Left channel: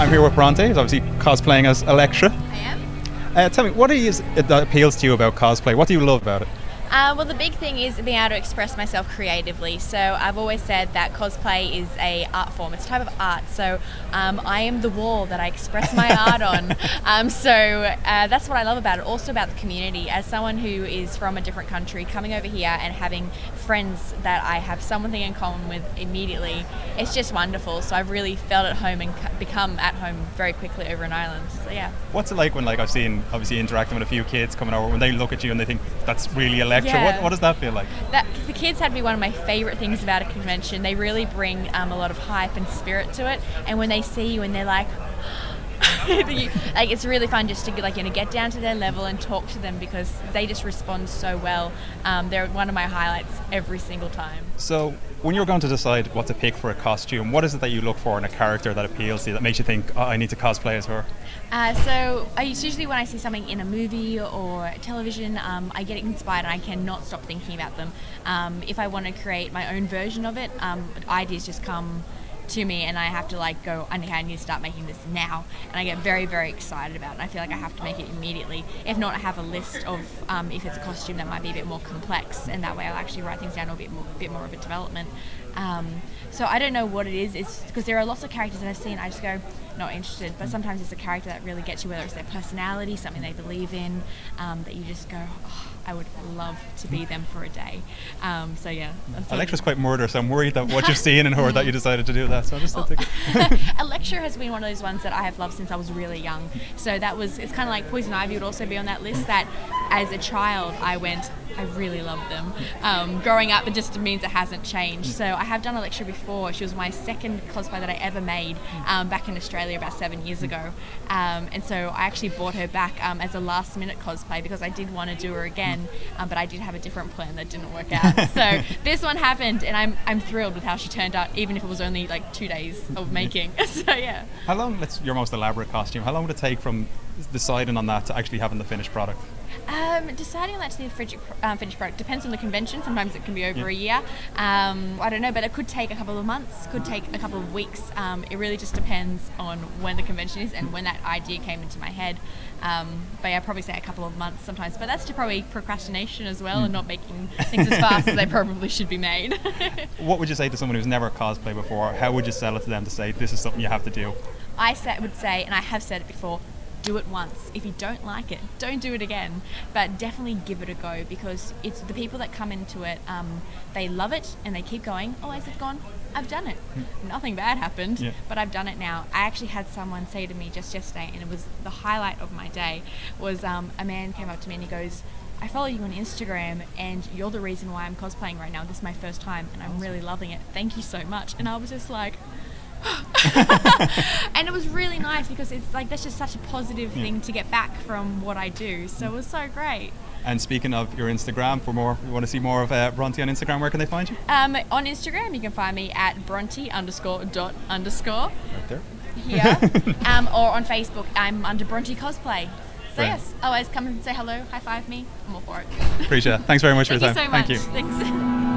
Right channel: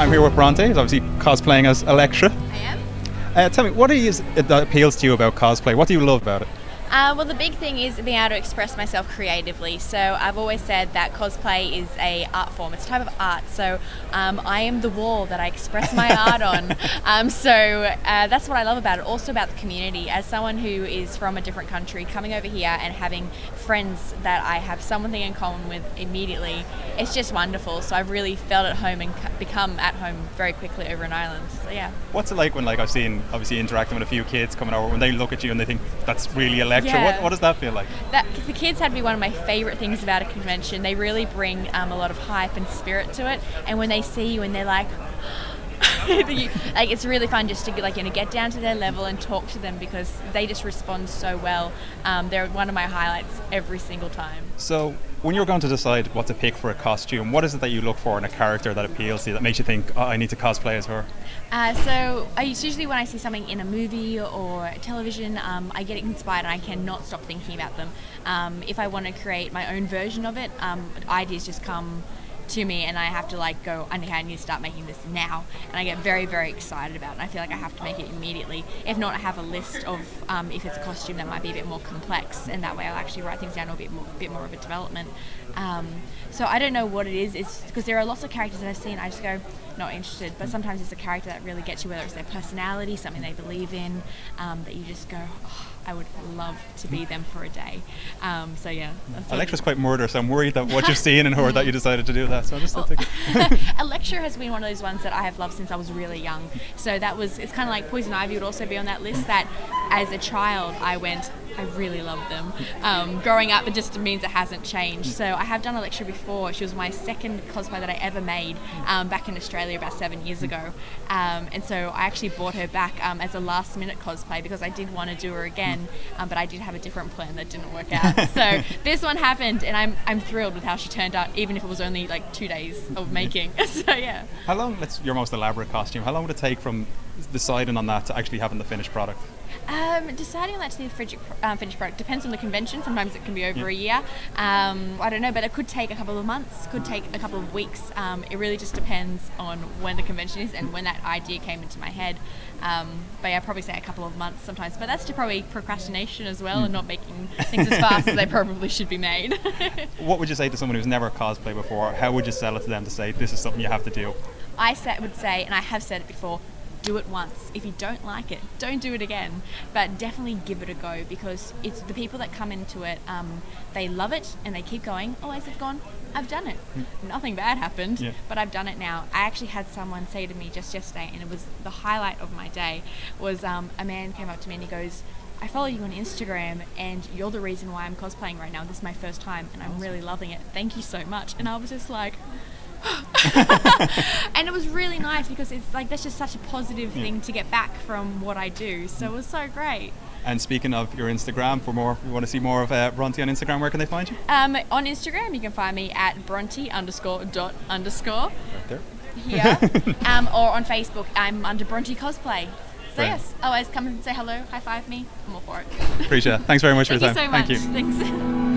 I'm here with Bronte, who's obviously cosplaying as Elektra. I am. Tell me, what is it that appeals to you about cosplay? What do you love about it? Well, the big thing is being able to express myself creatively. So I've always said that cosplay is a art form. It's a type of art. So I am the wall that I express my art on. That's what I love about it. Also about the community. As someone who is from a different country, coming over here and having friends that I have something in common with immediately, it's just wonderful. So I've really felt at home and become at home very quickly over in Ireland. So yeah. What's it like when, I've seen, obviously, interacting with a few kids coming over, when they look at you and they think, that's really Elektra? Yeah. What does that feel like? The kids had to be one of my favourite things about a convention. They really bring a lot of hype and spirit to it. And when they see you and they're like, it's really fun just to get down to their level and talk to them because they just respond so well. They're one of my highlights every single time. So when you're going to decide what to pick for a costume, what is it that you look for in a character that appeals to you, that makes you think, I need to cosplay as her? It's usually when I see something in a movie or television, I get inspired and I cannot stop thinking about them. If I want to create my own version of it, ideas just come to me and I have to go, I need to start making this now, and I get very, very excited about it, and I feel like I have to make it immediately. If not, I have a list of if it's a costume that might be a bit more complex, and that way I'll actually write things down a bit more of a development. So I don't know what it is. It's because there are lots of characters that I've seen, I just go, not interested, but sometimes it's a character that really gets you, whether it's their personality, something they believe in, that you just go, I would love to be them for a day. So yeah. Elektra's quite murderous, so I'm worried that what you've seen in her that you decided to do that. So I just think Elektra has been one of those ones that I have loved since I was really young. So it's kind of like Poison Ivy would also be on that list, that as a child I really love them. Growing up, it just means it hasn't changed. So I have done Elektra before. She was my second cosplay that I ever made back in Australia about 7 years ago. And so I actually brought her back as a last minute cosplay because I did want to do her again, but I did have a different plan that didn't work out. So this one happened, and I'm thrilled with how she turned out, even if it was only 2 days of making. So yeah. How long, that's your most elaborate costume, how long would it take from deciding on that to actually having the finished product? Deciding on that to the finished product depends on the convention. Sometimes it can be over a year. I don't know, but it could take a couple of months, could take a couple of weeks. It really just depends on when the convention is and when that idea came into my head. But yeah, I'd probably say a couple of months sometimes. But that's probably procrastination as well, and not making things as fast as they probably should be made. What would you say to someone who's never cosplayed before? How would you sell it to them to say, this is something you have to do? I would say, and I have said it before, do it once. If you don't like it, don't do it again. But definitely give it a go, because it's the people that come into it, they love it and they keep going. Oh, as I've gone, I've done it. Nothing bad happened, but I've done it now. I actually had someone say to me just yesterday, and it was the highlight of my day, was a man came up to me and he goes, I follow you on Instagram and you're the reason why I'm cosplaying right now. This is my first time and I'm really loving it. Thank you so much. And I was just like, and it was really nice because it's that's just such a positive thing to get back from what I do. So it was so great. And speaking of your Instagram, if you want to see more of Bronte on Instagram, where can they find you? On Instagram, you can find me at Bronte _. Right there. Here. Or on Facebook, I'm under Bronte Cosplay. So yes, always come and say hello, high five me. I'm all for it. Appreciate it. Thanks very much for your time. Thank you so much. Thank you. Thanks.